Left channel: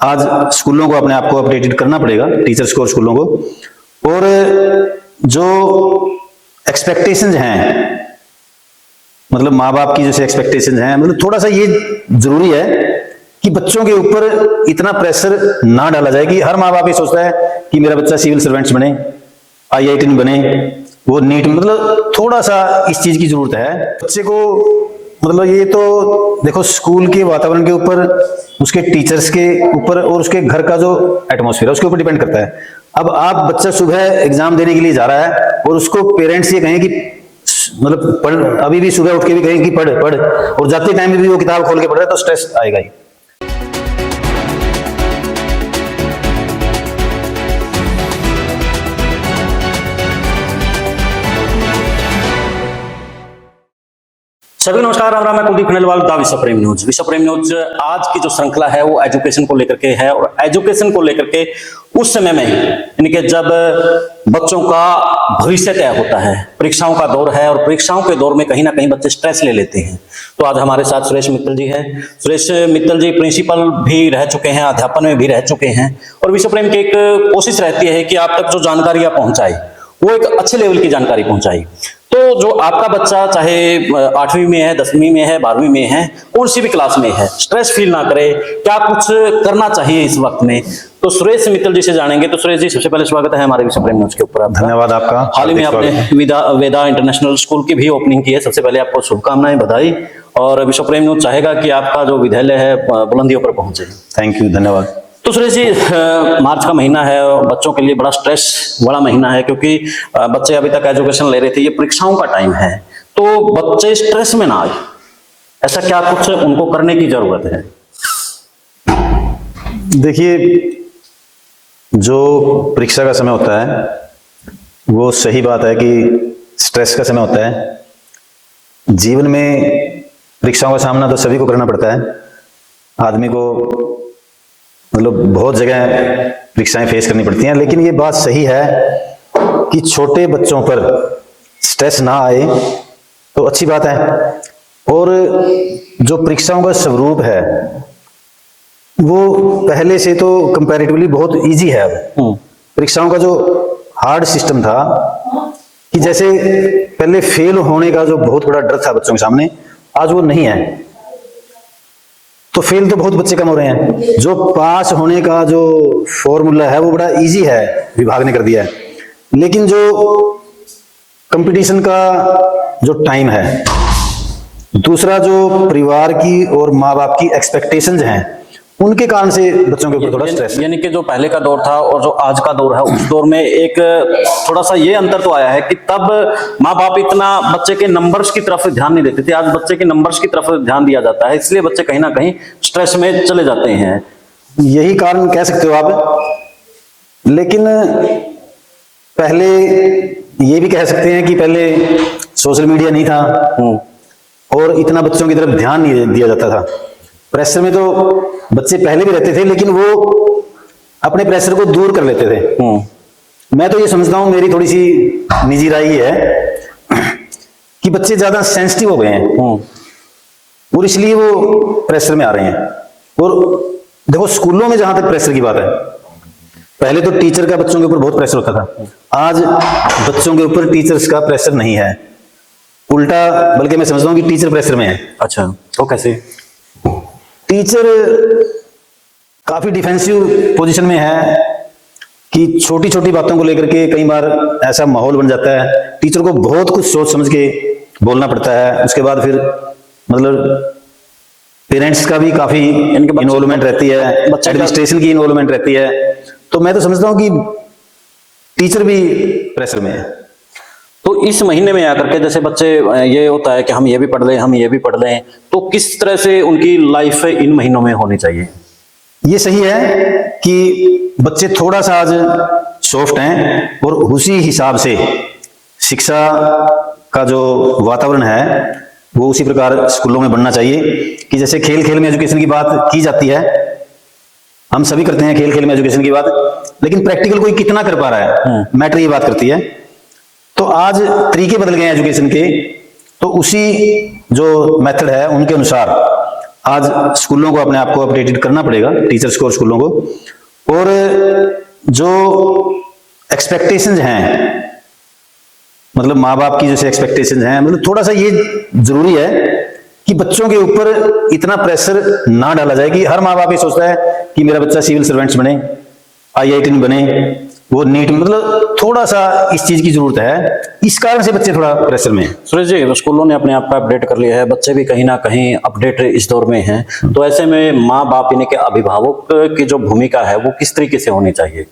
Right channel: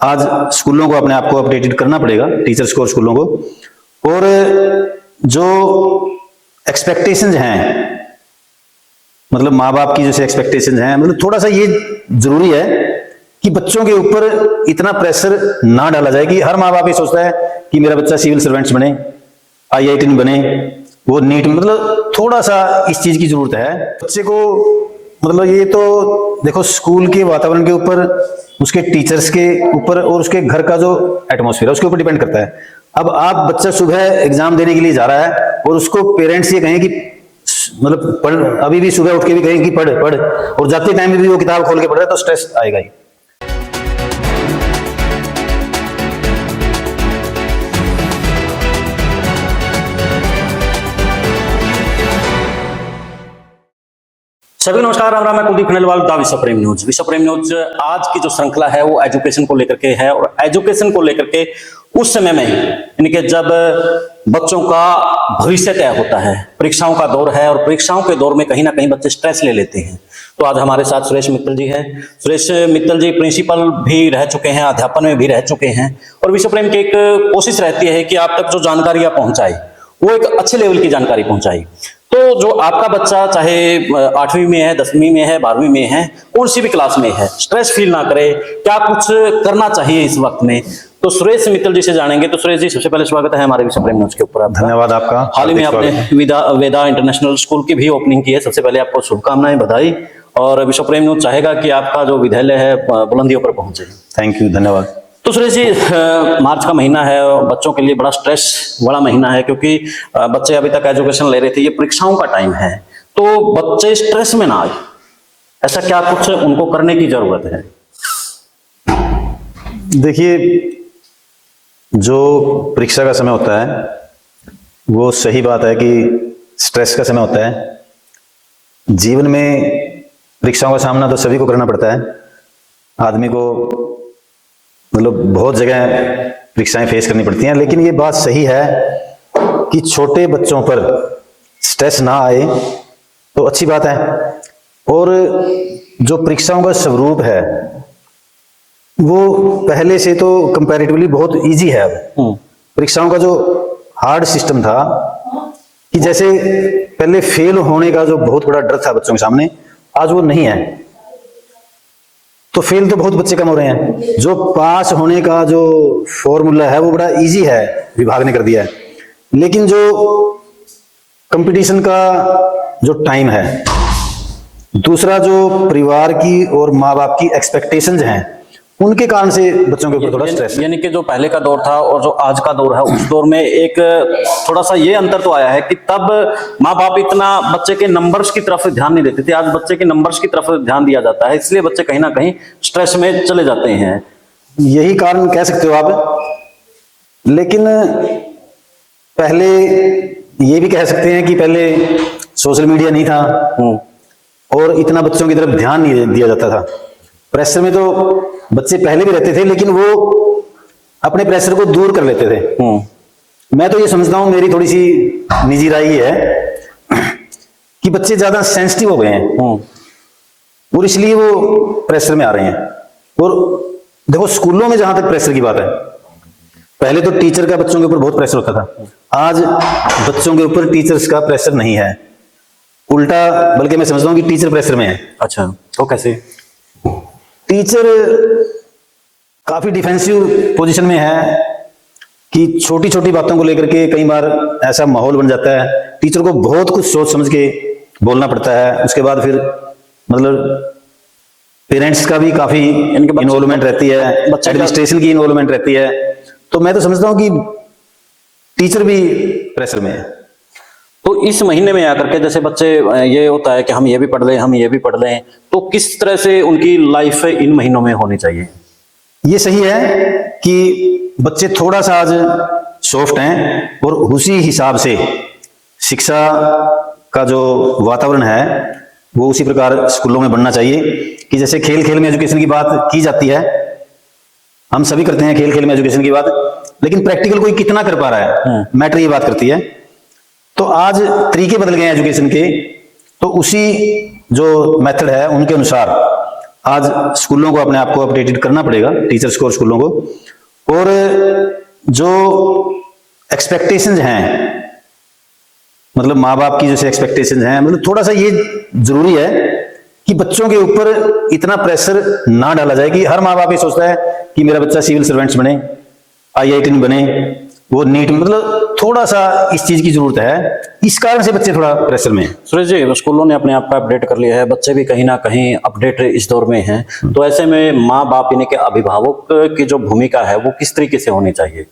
आज स्कूलों को अपने आप को अपडेटेड करना पड़ेगा, टीचर्स को और स्कूलों को। और जो एक्सपेक्टेशंस हैं, मतलब माँ बाप की जैसे एक्सपेक्टेशंस हैं, मतलब थोड़ा सा ये जरूरी है कि बच्चों के ऊपर इतना प्रेशर ना डाला जाए कि हर माँ बाप ये सोचता है कि मेरा बच्चा सिविल सर्वेंट्स बने, IIT बने, वो नीट, मतलब थोड़ा सा इस चीज की जरूरत है बच्चे को। मतलब ये तो देखो स्कूल के वातावरण के ऊपर, उसके टीचर्स के ऊपर और उसके घर का जो एटमॉस्फेयर है उसके ऊपर डिपेंड करता है। अब आज बच्चा सुबह एग्जाम देने के लिए जा रहा है और उसको पेरेंट्स ये कहें कि मतलब पढ़, अभी भी सुबह उठ के भी कहें कि पढ़ पढ़, और जाते टाइम में भी वो किताब खोल के पढ़ रहा है तो स्ट्रेस आएगा ही। सभी नमस्कार, राम राम। मैं कुलदीप खंडेलवाल, द विश्व प्रेम न्यूज। विश्व प्रेम न्यूज आज की जो श्रृंखला है वो एजुकेशन को लेकर के है, और एजुकेशन को लेकर के उस समय में यानी कि जब बच्चों का भविष्य तय होता है, परीक्षाओं का दौर है, और परीक्षाओं के दौर में कहीं ना कहीं बच्चे स्ट्रेस ले लेते हैं। तो आज हमारे साथ सुरेश मित्तल जी है। सुरेश मित्तल जी प्रिंसिपल भी रह चुके हैं, अध्यापन में भी रह चुके हैं, और विश्व प्रेम की एक कोशिश रहती है कि आप तक जो जानकारियां पहुंचाई वो एक अच्छे लेवल की जानकारी पहुंचाई। तो जो आपका बच्चा चाहे 8वीं में है, 10वीं में है, 12वीं में है, कौन सी भी क्लास में है, स्ट्रेस फील ना करे, क्या कुछ करना चाहिए इस वक्त में, तो सुरेश मित्तल जी से जानेंगे। तो सुरेश जी, सबसे पहले स्वागत है हमारे विश्व प्रेम न्यूज के ऊपर। धन्यवाद आपका। हाल ही में आपने वेदा इंटरनेशनल स्कूल की भी ओपनिंग की है, सबसे पहले आपको शुभकामनाएं, बधाई। और विश्व प्रेम न्यूज चाहेगा कि आपका जो विद्यालय है बुलंदियों पर पहुंचे। थैंक यू, धन्यवाद। तो सुरेश जी, मार्च का महीना है और बच्चों के लिए बड़ा स्ट्रेस वाला महीना है, क्योंकि बच्चे अभी तक एजुकेशन ले रहे थे, ये परीक्षाओं का टाइम है, तो बच्चे स्ट्रेस में ना हो, ऐसा क्या कुछ उनको करने की जरूरत है? देखिए, जो परीक्षा का समय होता है वो सही बात है कि स्ट्रेस का समय होता है। जीवन में परीक्षाओं का सामना तो सभी को करना पड़ता है, आदमी को मतलब बहुत जगह परीक्षाएं फेस करनी पड़ती हैं। लेकिन ये बात सही है कि छोटे बच्चों पर स्ट्रेस ना आए तो अच्छी बात है। और जो परीक्षाओं का स्वरूप है वो पहले से तो कंपैरेटिवली बहुत इजी है। अब परीक्षाओं का जो हार्ड सिस्टम था कि जैसे पहले फेल होने का जो बहुत बड़ा डर था बच्चों के सामने, आज वो नहीं है। तो फेल तो बहुत बच्चे कम हो रहे हैं। जो पास होने का जो फॉर्मूला है वो बड़ा इजी है, विभाग ने कर दिया है। लेकिन जो कंपटीशन का जो टाइम है, दूसरा जो परिवार की और माँ बाप की एक्सपेक्टेशंस हैं, उनके कारण से बच्चों के ऊपर थोड़ा स्ट्रेस है। यानी कि जो पहले का दौर था और जो आज का दौर है, उस दौर में एक थोड़ा सा ये अंतर तो आया है कि तब माँ बाप इतना बच्चे के नंबर्स की तरफ ध्यान नहीं देते थे। आज बच्चे के नंबर्स की तरफ ध्यान दिया जाता है, इसलिए बच्चे कहीं ना कहीं स्ट्रेस में चले जाते हैं। यही कारण कह सकते हो आप। लेकिन पहले ये भी कह सकते हैं कि पहले सोशल मीडिया नहीं था और इतना बच्चों की तरफ ध्यान नहीं दिया जाता था। प्रेशर में तो बच्चे पहले भी रहते थे, लेकिन वो अपने प्रेशर को दूर कर लेते थे। मैं तो ये समझता हूँ, मेरी थोड़ी सी निजी राय है कि बच्चे ज्यादा सेंसिटिव हो गए हैं और इसलिए वो प्रेशर में आ रहे हैं। और देखो स्कूलों में जहां तक प्रेशर की बात है, पहले तो टीचर का बच्चों के ऊपर बहुत प्रेशर होता था। आज बच्चों के ऊपर टीचर्स का प्रेशर नहीं है, उल्टा बल्कि मैं समझता हूँ कि टीचर प्रेशर में है। अच्छा, तो कैसे? टीचर काफी डिफेंसिव पोजीशन में है कि छोटी छोटी बातों को लेकर के कई बार ऐसा माहौल बन जाता है, टीचर को बहुत कुछ सोच समझ के बोलना पड़ता है। उसके बाद फिर मतलब पेरेंट्स का भी काफी इन्वॉल्वमेंट रहती है, एडमिनिस्ट्रेशन की इन्वॉल्वमेंट रहती है। तो मैं तो समझता हूँ कि टीचर भी प्रेशर में है। तो इस महीने में आकर के जैसे बच्चे ये होता है कि हम ये भी पढ़ लें, हम ये भी पढ़ लें, तो किस तरह से उनकी लाइफ इन महीनों में होनी चाहिए? ये सही है कि बच्चे थोड़ा सा आज सॉफ्ट हैं और उसी हिसाब से शिक्षा का जो वातावरण है वो उसी प्रकार स्कूलों में बनना चाहिए कि जैसे खेल खेल में एजुकेशन की बात की जाती है, हम सभी करते हैं खेल खेल में एजुकेशन की बात, लेकिन प्रैक्टिकल कोई कितना कर पा रहा है, मैटर ये बात करती है। तो आज तरीके बदल गए एजुकेशन के, तो उसी जो मेथड है उनके अनुसार आज स्कूलों को अपने आप को अपडेटेड करना पड़ेगा, टीचर्स को और स्कूलों को। और जो एक्सपेक्टेशंस हैं, मतलब माँ बाप की जैसे एक्सपेक्टेशंस हैं, मतलब थोड़ा सा ये जरूरी है कि बच्चों के ऊपर इतना प्रेशर ना डाला जाए कि हर माँ बाप ये सोचता है कि मेरा बच्चा सिविल सर्वेंट्स बने, IIT में बने, वो नीट, मतलब थोड़ा सा इस चीज की जरूरत है। इस कारण से बच्चे थोड़ा प्रेशर में है। सुरेश जी, स्कूलों ने अपने आप को अपडेट कर लिया है, बच्चे भी कहीं ना कहीं अपडेट इस दौर में हैं, तो ऐसे में माँ बाप यानी कि अभिभावक की जो भूमिका है वो किस तरीके से होनी चाहिए?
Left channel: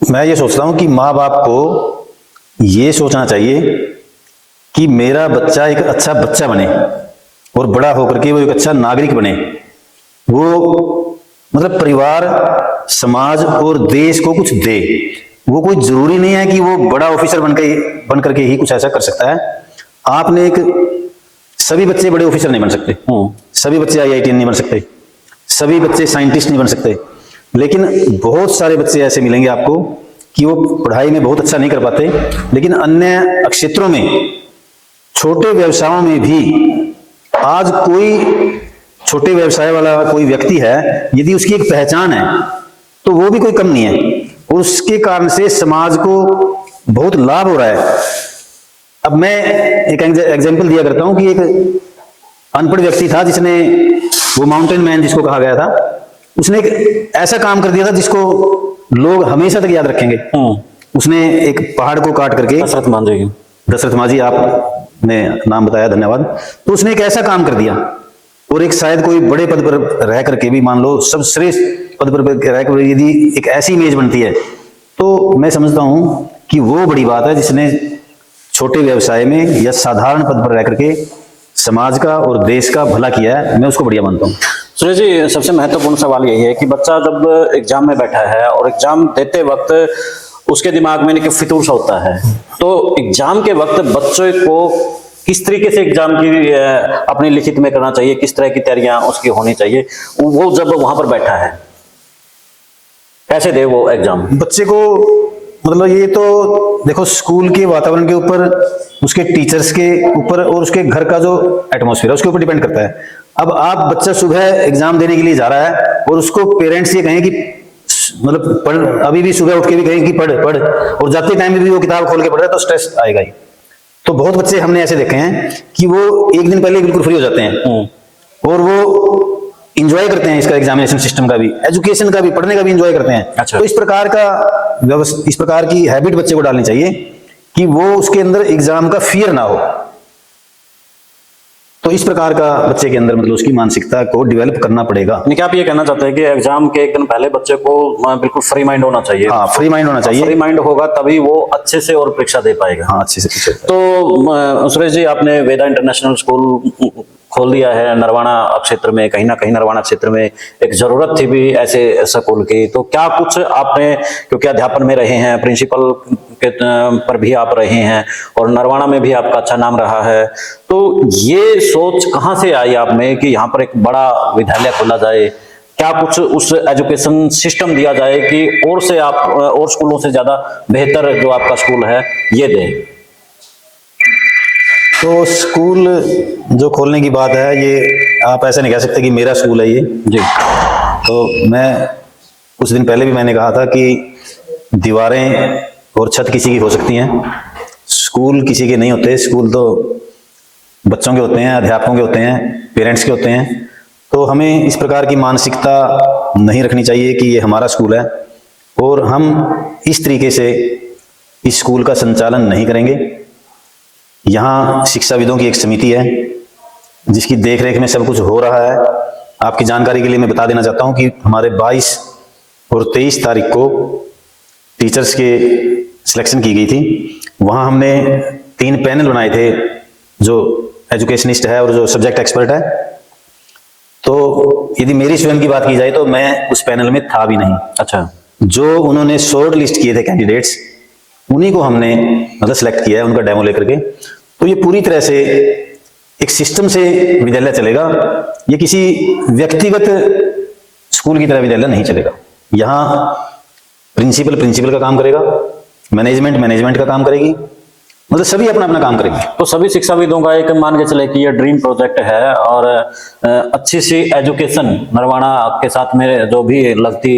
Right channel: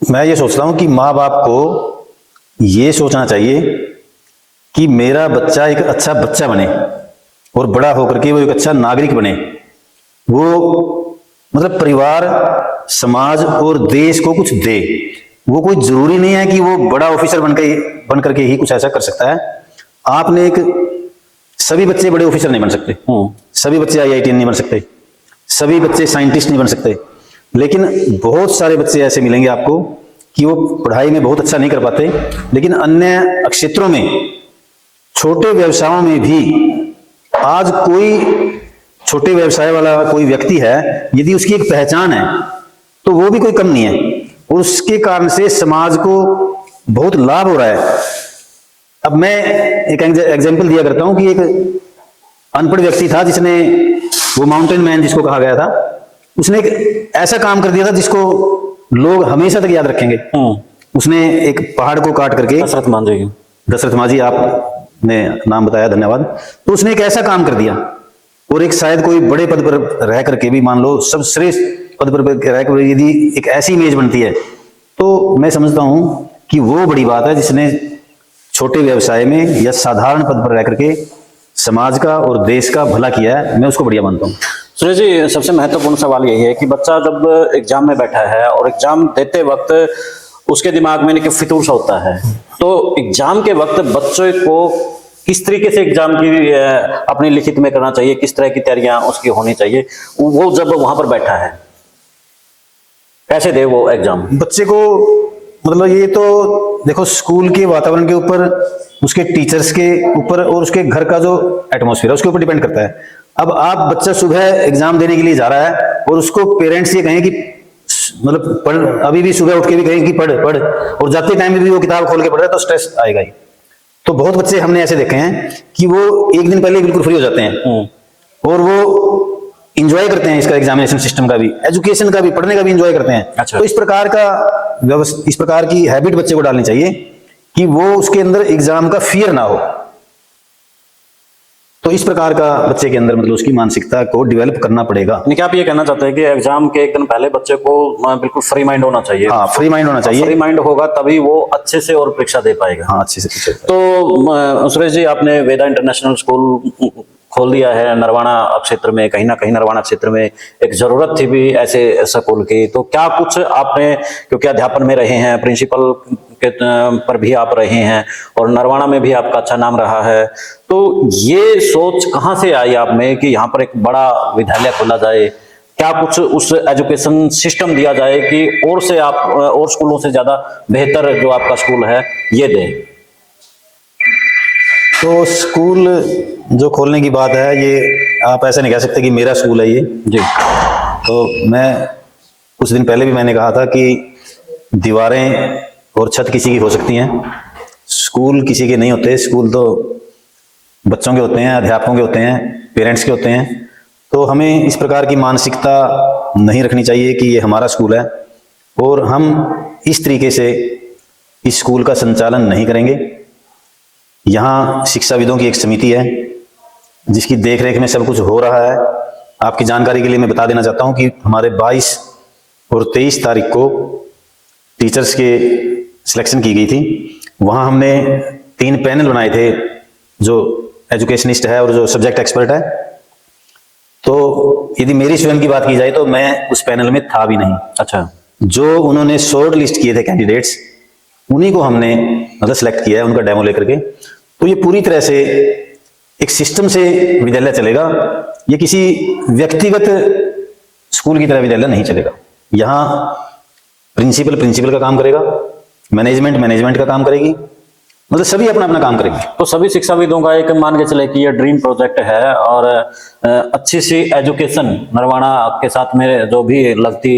मैं ये सोचता हूँ कि माँ बाप को ये सोचना चाहिए कि मेरा बच्चा एक अच्छा बच्चा बने और बड़ा होकर के वो एक अच्छा नागरिक बने। वो मतलब परिवार, समाज और देश को कुछ दे। वो कोई जरूरी नहीं है कि वो बड़ा ऑफिसर बन करके ही कुछ ऐसा कर सकता है। आपने एक, सभी बच्चे बड़े ऑफिसर नहीं बन सकते, सभी बच्चे IIT नहीं बन सकते, सभी बच्चे साइंटिस्ट नहीं बन सकते, लेकिन बहुत सारे बच्चे ऐसे मिलेंगे आपको कि वो पढ़ाई में बहुत अच्छा नहीं कर पाते, लेकिन अन्य क्षेत्रों में, छोटे व्यवसायों में भी आज कोई छोटे व्यवसाय वाला कोई व्यक्ति है, यदि उसकी एक पहचान है तो वो भी कोई कम नहीं है, और उसके कारण से समाज को बहुत लाभ हो रहा है। अब मैं एक एग्जांपल दिया करता हूं कि एक अनपढ़ व्यक्ति था, जिसने, वो माउंटेन मैन जिसको कहा गया था, उसने एक ऐसा काम कर दिया था जिसको लोग हमेशा तक याद रखेंगे। उसने एक पहाड़ को काट करके, दशरथ मांझी आपने नाम बताया, धन्यवाद। तो उसने एक ऐसा काम कर दिया, और एक शायद कोई बड़े पद पर रह करके भी, मान लो सर्वश्रेष्ठ पद पर रह कर यदि एक ऐसी इमेज बनती है, तो मैं समझता हूं कि वो बड़ी बात है, जिसने छोटे व्यवसाय में या साधारण पद पर रह करके समाज का और देश का भला किया, मैं उसको बढ़िया मानता हूँ। सुरेश जी, सबसे महत्वपूर्ण सवाल यही है कि बच्चा जब एग्जाम में बैठा है और एग्जाम देते वक्त उसके दिमाग में एक फितूर सा होता है, तो एग्जाम के वक्त बच्चे को किस तरीके से एग्जाम की अपने लिखित में करना चाहिए, किस तरह की तैयारियां उसकी होनी चाहिए, वो जब वहां पर बैठा है कैसे दे वो एग्जाम बच्चे को? मतलब ये तो देखो, स्कूल के वातावरण के ऊपर, उसके टीचर्स के ऊपर और उसके घर का जो एटमॉस्फेयर है उसके ऊपर डिपेंड करता है। अब आप बच्चा सुबह एग्जाम देने के लिए जा रहा है और उसको पेरेंट्स ये कहें कि मतलब पढ़, अभी भी सुबह उठ के भी कहें कि पढ़ पढ़, और जाते टाइम भी वो किताब खोल के पढ़ रहा है, तो स्ट्रेस आएगा ही। तो बहुत बच्चे हमने ऐसे देखे हैं कि वो एक दिन पहले बिल्कुल फ्री हो जाते हैं और वो इंजॉय करते हैं इसका, एग्जामिनेशन सिस्टम का भी, एजुकेशन का भी, पढ़ने का भी इंजॉय करते हैं। अच्छा। तो इस प्रकार का इस प्रकार की हैबिट बच्चे को डालनी चाहिए कि वो उसके अंदर एग्जाम का फियर ना हो। तो इस प्रकार का बच्चे के अंदर मतलब उसकी मानसिकता को डेवलप करना पड़ेगा। यानी कि आप ये कहना चाहते हैं कि एग्जाम के एक दिन पहले बच्चे को बिल्कुल फ्री माइंड होना चाहिए? हाँ, फ्री माइंड होना चाहिए। फ्री माइंड होगा तभी वो अच्छे से और परीक्षा दे पाएगा। हाँ, अच्छे से। तो सुरेश जी, आपने वेदा इंटरनेशनल स्कूल खोल दिया है नरवाना क्षेत्र में, कहीं ना कहीं नरवाना क्षेत्र में एक जरूरत थी भी ऐसे स्कूल की, तो क्या कुछ आपने, क्योंकि अध्यापन में रहे हैं, प्रिंसिपल पर भी आप रहे हैं और नरवाना में भी आपका अच्छा नाम रहा है, तो ये सोच कहाँ से आई आप में कि यहाँ पर एक बड़ा विद्यालय खोला जाए? क्या कुछ उस एजुकेशन सिस्टम दिया जाए कि और से आप और स्कूलों से ज्यादा बेहतर जो आपका स्कूल है ये दे? तो स्कूल जो खोलने की बात है, ये आप ऐसे नहीं कह सकते कि मेरा स्कूल है ये जी। तो मैं कुछ दिन पहले भी मैंने कहा था कि दीवारें और छत किसी की हो सकती हैं, स्कूल किसी के नहीं होते। स्कूल तो बच्चों के होते हैं, अध्यापकों के होते हैं, पेरेंट्स के होते हैं। तो हमें इस प्रकार की मानसिकता नहीं रखनी चाहिए कि ये हमारा स्कूल है और हम इस तरीके से इस स्कूल का संचालन नहीं करेंगे। यहाँ शिक्षाविदों की एक समिति है जिसकी देखरेख में सब कुछ हो रहा है। आपकी जानकारी के लिए मैं बता देना चाहता हूँ कि हमारे 22 और 23 तारीख को टीचर्स के सिलेक्शन की गई थी। वहाँ हमने 3 पैनल बनाए थे, जो एजुकेशनिस्ट है और जो सब्जेक्ट एक्सपर्ट है। तो यदि मेरी स्टूडेंट की बात की जाए तो मैं उस पैनल में था भी नहीं। अच्छा। जो उन्होंने शॉर्ट लिस्ट किए थे कैंडिडेट्स, उन्हीं को हमने मतलब सिलेक्ट किया है, उनका डेमो लेकर के। तो ये पूरी तरह से एक सिस्टम से विद्यालय चलेगा, ये किसी व्यक्तिगत स्कूल की तरह विद्यालय नहीं चलेगा। यहाँ प्रिंसिपल का काम करेगा, मैनेजमेंट का काम करेगी मतलब सभी अपना अपना काम करें। तो सभी शिक्षाविदों का एक मान के चले कि ये ड्रीम प्रोजेक्ट है और अच्छी सी एजुकेशन नरवाना के साथ में जो भी लगती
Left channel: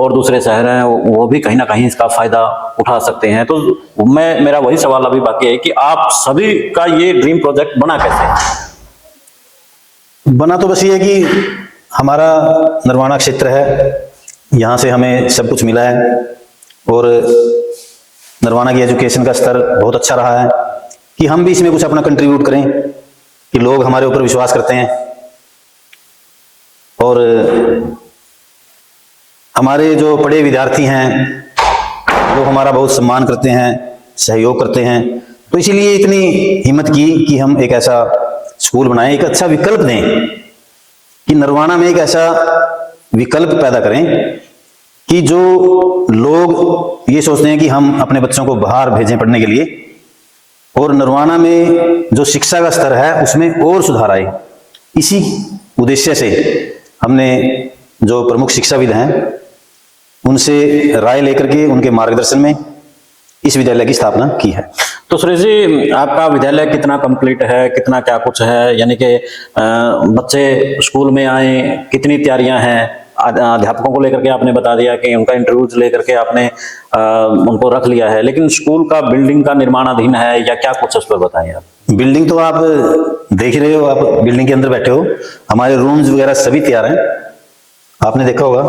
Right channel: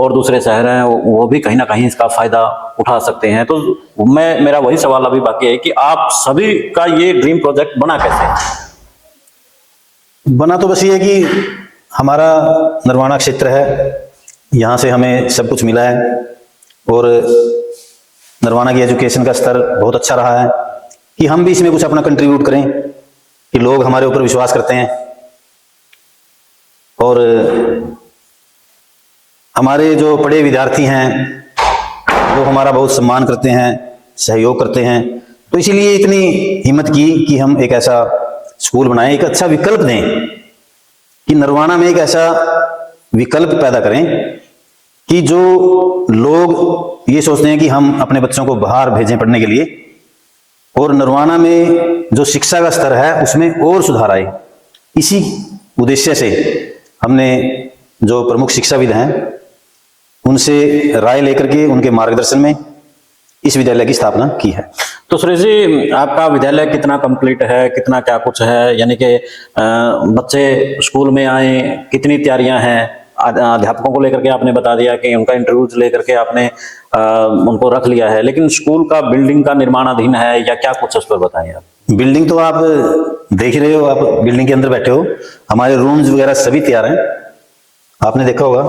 और दूसरे शहर हैं वो भी कहीं ना कहीं इसका फायदा उठा सकते हैं। तो मेरा वही सवाल अभी बाकी है कि आप सभी का ये ड्रीम प्रोजेक्ट बना कैसे? बना तो बस ये है कि हमारा नरवाना क्षेत्र है, यहाँ से हमें सब कुछ मिला है और नरवाना की एजुकेशन का स्तर बहुत अच्छा रहा है कि हम भी इसमें कुछ अपना कंट्रीब्यूट करें, कि लोग हमारे ऊपर विश्वास करते हैं और हमारे जो बड़े विद्यार्थी हैं वो हमारा बहुत सम्मान करते हैं, सहयोग करते हैं। तो इसीलिए इतनी हिम्मत की कि हम एक ऐसा स्कूल बनाएं, एक अच्छा विकल्प दें, कि नरवाना में एक ऐसा विकल्प पैदा करें कि जो लोग ये सोचते हैं कि हम अपने बच्चों को बाहर भेजें पढ़ने के लिए, और नरवाना में जो शिक्षा का स्तर है उसमें और सुधार आए। इसी उद्देश्य से हमने जो प्रमुख शिक्षाविद हैं उनसे राय लेकर के उनके मार्गदर्शन में इस विद्यालय की स्थापना की है। तो सुरेश जी, आपका विद्यालय कितना कंप्लीट है, कितना क्या कुछ है, यानी कि बच्चे स्कूल में आए, कितनी तैयारियां हैं? अध्यापकों को लेकर के आपने बता दिया कि उनका इंटरव्यूज लेकर के आपने उनको रख लिया है, लेकिन स्कूल का बिल्डिंग का निर्माणाधीन है या क्या कुछ उस पर बताएं आप। बिल्डिंग तो आप देख रहे हो, आप बिल्डिंग के अंदर बैठे हो, हमारे रूम्स वगैरह सभी तैयार हैं, आपने देखा होगा।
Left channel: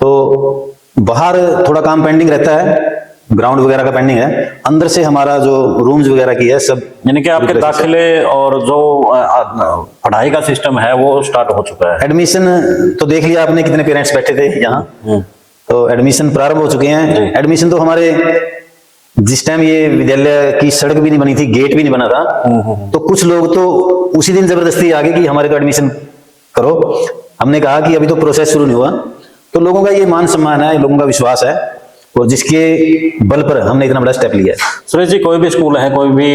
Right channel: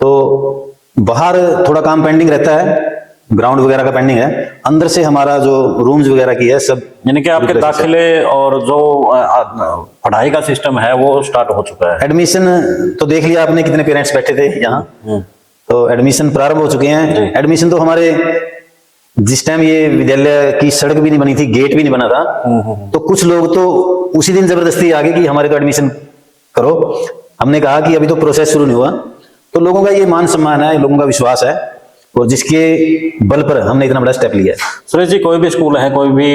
तो बाहर थोड़ा काम पेंडिंग रहता है, ग्राउंड वगैरह का पेंडिंग है, अंदर से हमारा जो रूम्स वगैरह की है सब, यानी कि आपके दाखिले और जो पढ़ाई का सिस्टम है वो स्टार्ट हो चुका है। एडमिशन तो देख लिया आपने, कितने पेरेंट्स बैठे थे यहाँ, तो एडमिशन प्रारंभ हो चुके हैं। एडमिशन तो हमारे जिस टाइम ये विद्यालय की सड़क भी नहीं बनी थी, गेट भी नहीं बना था, तो कुछ लोग तो उसी दिन जबरदस्ती आ गए कि हमारे को एडमिशन करो। हमने कहा कि अभी तो प्रोसेस शुरू नहीं हुआ। तो लोगों का ये मान सम्मान है, लोगों का विश्वास है, और जिसके बल पर हमने इतना बड़ा स्टेप लिया है। सुरेश जी, कोई भी स्कूल है, कोई भी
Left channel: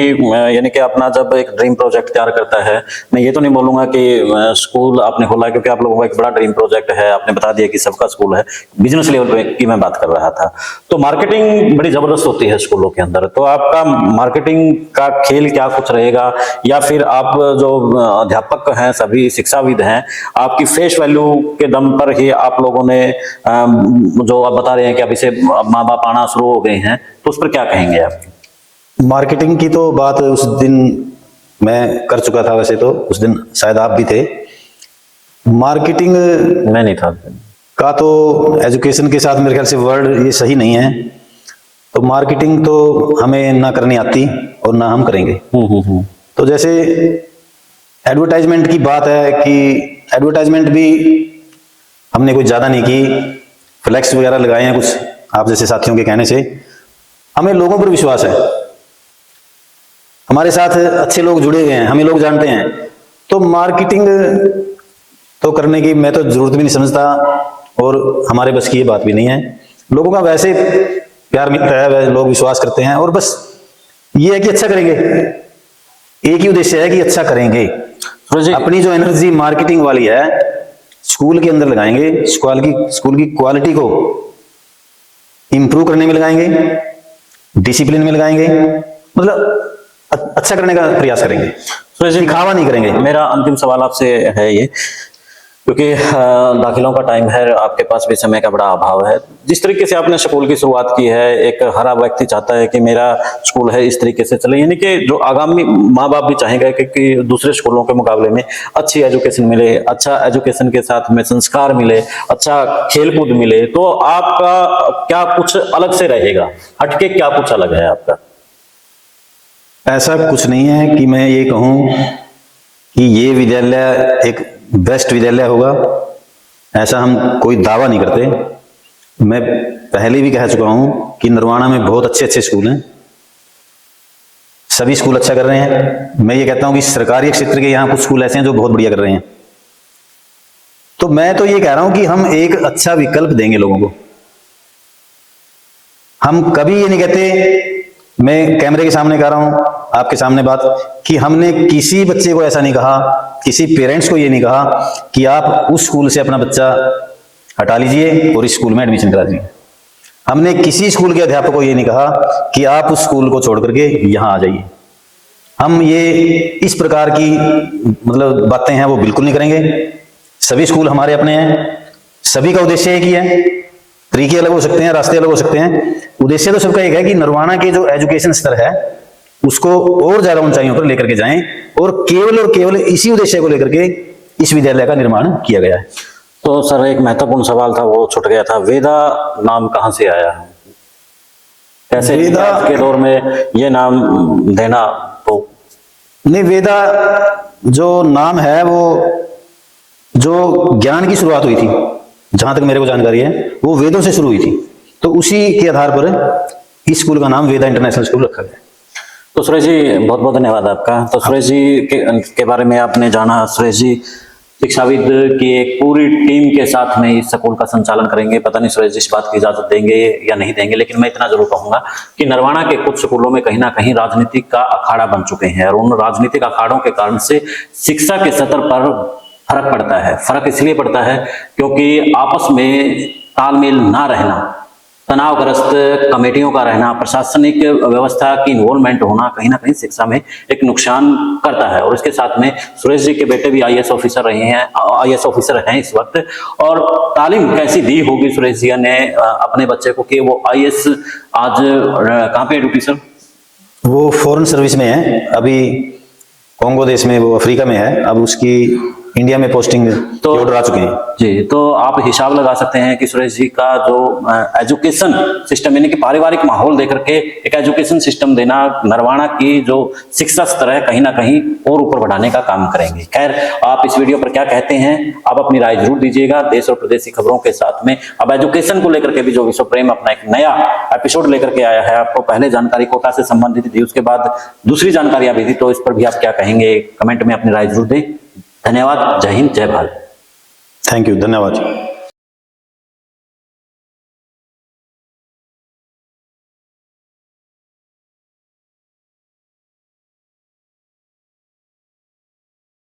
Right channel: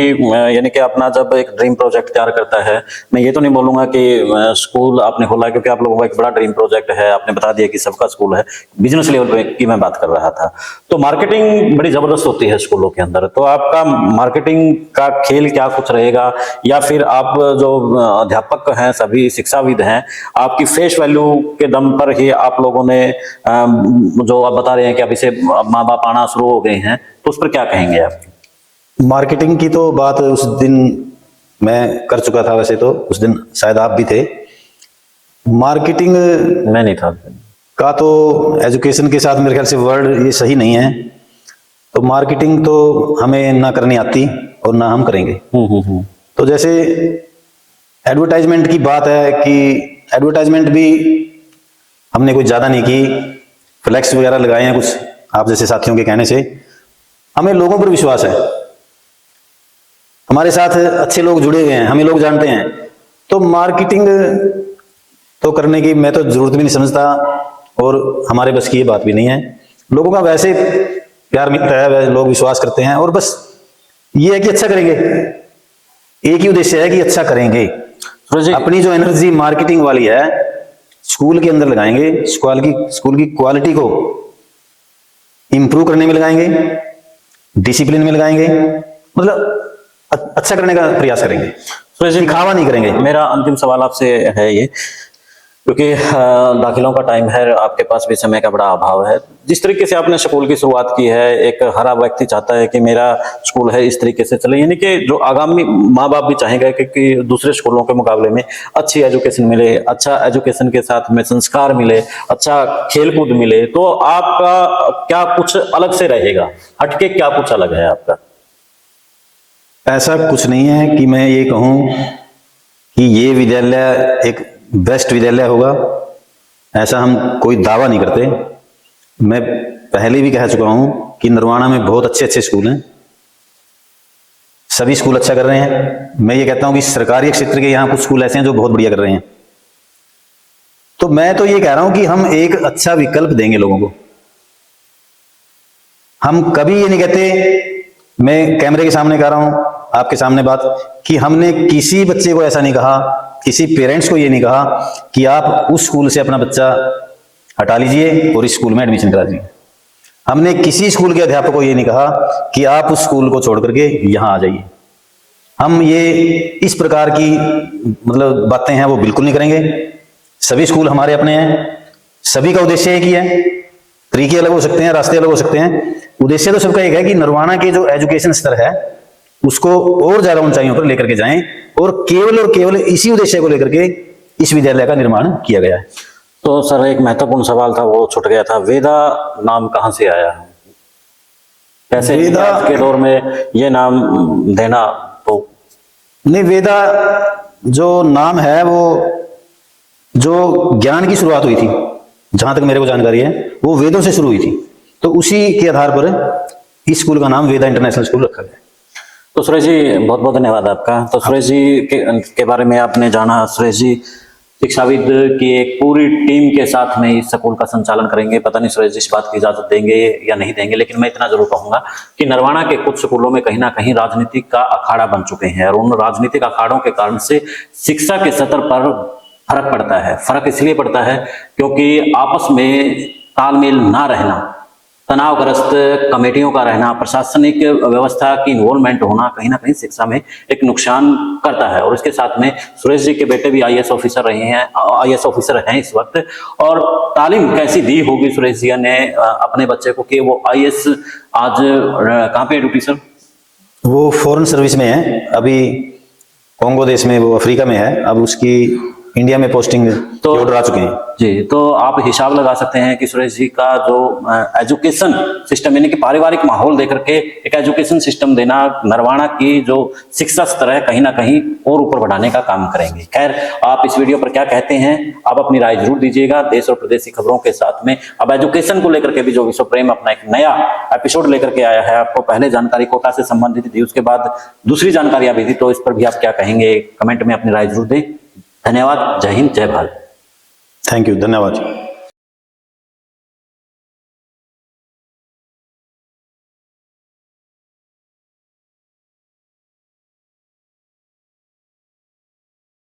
यानी कि अपना जब एक ड्रीम प्रोजेक्ट तैयार करता है, मैं ये तो नहीं बोलूंगा कि स्कूल आपने खोला क्योंकि आप लोगों का एक बड़ा ड्रीम प्रोजेक्ट है, आपने बता दिया कि सबका स्कूल है, बिजनेस लेवल पे की मैं बात कर रहा था। तो मार्केटिंग बड़ी जबरदस्त होती है स्कूलों के अंदर, तो आपका मार्केटिंग का खेल क्या कुछ रहेगा, या फिर आप जो अध्यापक हैं, सभी शिक्षाविद हैं, आपकी फेस वैल्यू के दम पर ही आप लोगों ने जो आप बता रहे हैं कि अभी से माँ बाप आना शुरू हो गई है, तो उस पर क्या कहेंगे आप? मार्केटिंग की तो बात उस दिन मैं कर चुका था, वैसे तो उस दिन शायद आप भी थे। मार्केटिंग मैं नहीं था का तो एजुकेशन के साथ मेरे ख्याल से वर्ड ये सही नहीं है। तो मार्केटिंग तो हमें ना करनी आती और ना हम करेंगे। तो जैसे एडवर्टाइजमेंट की बात है कि एडवर्टाइजमेंट भी हमने कुछ ज्यादा नहीं की, फ्लेक्स वगैरह लगाए हैं कुछ आप जैसे साथियों के कहने से। हमें लोगों पर विश्वास है, हमारे साथ अच्छे लोग जुड़े हुए हैं, हमें लोग जानते हैं। तो मार्केटिंग तो करने की मैं तो जरूरत भी नहीं समझता, और हमारे बस की ये बात भी नहीं है। लोगों का वैसे प्यार मिलता है, वैसे लोग विश्वास करते हैं, और बस ये है कि अच्छा करेंगे, एक ही उद्देश्य है कि अच्छा करेंगे। अपनी जो एनर्जी मार्केटिंग वाली है स्कूल के अंदर लगाएंगे, स्कूल की क्वालिटी को इंप्रूव करने में लगाएंगे, डिसिप्लिन में लगाएंगे, मतलब अच्छा करने का प्रयास करेंगे, तो ऐसे दिखावा नहीं करेंगे। मेरा अंतिम सवाल आपसे है ये, क्योंकि दाखिलों का टाइम है, आपके पास भी समय का बड़ा अभाव है। जिस तरीके से आपने स्कूल की शुरुआत की है, एक हर व्यक्ति चाहता है कि मेरा स्कूल है इस तरीके से चले, यानी कि जो आगामी माँ बाप भी चाहेंगे कि दूसरे स्कूलों के मुकाबले में अच्छी एजुकेशन मिले, अच्छा एजुकेशन के साथ में संस्कार मिले, अच्छा खेलकूद मिले। तो आपका क्या कुछ अलग से रहेगा, हटके क्या कुछ अलग है आपका? ऐसा कुछ नहीं है कि मैं ये कहूं कि ये विद्यालय एक बेस्ट विद्यालय होगा, ऐसा हम कोई दावा नहीं करते। मैं पहले भी कह चुका हूं कि नरवाना में बहुत अच्छे अच्छे स्कूल हैं, सभी स्कूल अच्छा कर रहे हैं। मैं ये कहता हूं कि सरकारी क्षेत्र के यहाँ कुछ स्कूल ऐसे हैं जो बहुत बढ़िया कर रहे हैं। तो मैं तो ये कह रहा हूं कि हम एक अच्छा विकल्प देंगे लोगों को। हम कभी ये नहीं कहते, मैं कैमरे के सामने कह रहा हूं, आपके सामने बात, कि हमने किसी बच्चे को ऐसा नहीं कहा, किसी पेरेंट्स को ये नहीं कहा कि आप उस स्कूल से अपना बच्चा हटा लीजिए और इस स्कूल में एडमिशन करा दीजिए। हमने किसी स्कूल के अध्यापक को ये नहीं कहा कि आप उस स्कूल को छोड़ करके यहाँ आ जाइए। हम ये इस प्रकार की मतलब बातें हैं वो बिल्कुल नहीं करेंगे। सभी स्कूल हमारे अपने हैं, सभी का उद्देश्य एक ही है। तरीके अलग हो सकते हैं, रास्ते अलग हो सकते हैं, उद्देश्य तो सबका एक है कि नरवाना के जो एजुकेशन स्तर है उसको और ज्यादा ऊंचाइयों पर लेकर के जाएं, और केवल इसी उद्देश्य को लेकर के इस विद्यालय का निर्माण किया गया है। तो सर एक महत्वपूर्ण सवाल था वो छूट गया था, वेदा नाम कहाँ से आया है? कैसे वेदा के दौर में ये नाम देना? तो नहीं, वेदा जो नाम है वो जो ज्ञान की शुरुआत हुई थी, जहां तक मेरे को जानकारी है, वो वेदों से शुरू हुई थी। तो उसी के आधार पर इस स्कूल का नाम वेदा इंटरनेशनल स्कूल रखा गया। तो सुरेश जी बहुत बहुत धन्यवाद आपका। तो सुरेश जी के बारे में आपने जाना। सुरेश जी शिक्षाविद की एक पूरी टीम के साथ में इस स्कूल का संचालन करेंगे। पता नहीं सुरेश जी इस बात की इजाजत देंगे या नहीं देंगे, लेकिन मैं इतना जरूर कहूंगा कि नरवाना के कुछ स्कूलों में कहीं ना कहीं राजनीतिक का अखाड़ा बन चुके हैं, और उन राजनीतिक अखाड़ों के कारण से शिक्षा के स्तर पर फर्क पड़ता है। फर्क इसलिए पड़ता है क्योंकि आपस में तालमेल ना रहना, तनावग्रस्त कमेटियों का रहना, प्रशासनिक व्यवस्था की इन्वॉल्वमेंट होना कहीं ना कहीं शिक्षा में एक नुकसान करता है। और इसके साथ में सुरेश जी के बेटे भी आईएएस ऑफिसर रहे हैं, आईएएस ऑफिसर हैं इस वक्त। और तालीम कैसी दी होगी सुरेश जी ने अपने बच्चे को कि वो आईएएस आज कहाँ पे है ड्यूटी सर? वो फॉरेन सर्विस में है, अभी कॉन्गो देश में, वो अफ्रीका में है। अब उसकी इंडिया में पोस्टिंग तो ऑर्डर आ चुके हैं जी। तो आप हिसाब लगा सकते हैं कि सुरेश जी का जो एजुकेशन सिस्टम यानी कि पारिवारिक माहौल देकर के एक एजुकेशन सिस्टम देना नरवाना की जो शिक्षा स्तर है कहीं ना कहीं और ऊपर बढ़ाने का काम करेंगे। खैर, आप इस वीडियो पर क्या कहते हैं आप अपनी राय जरूर दीजिएगा। देश और प्रदेश की खबरों के साथ में अब एजुकेशन को लेकर के भी जो विश्व प्रेम अपना एक नया एपिसोड लेकर के आया है, आपको पहले जानकारी कोटा से संबंधित दी, उसके बाद दूसरी जानकारी आ थी, तो इस पर भी आप क्या कहेंगे कमेंट में अपनी राय जरूर दें। धन्यवाद। जय हिंद, जय भारत। थैंक यू, धन्यवाद।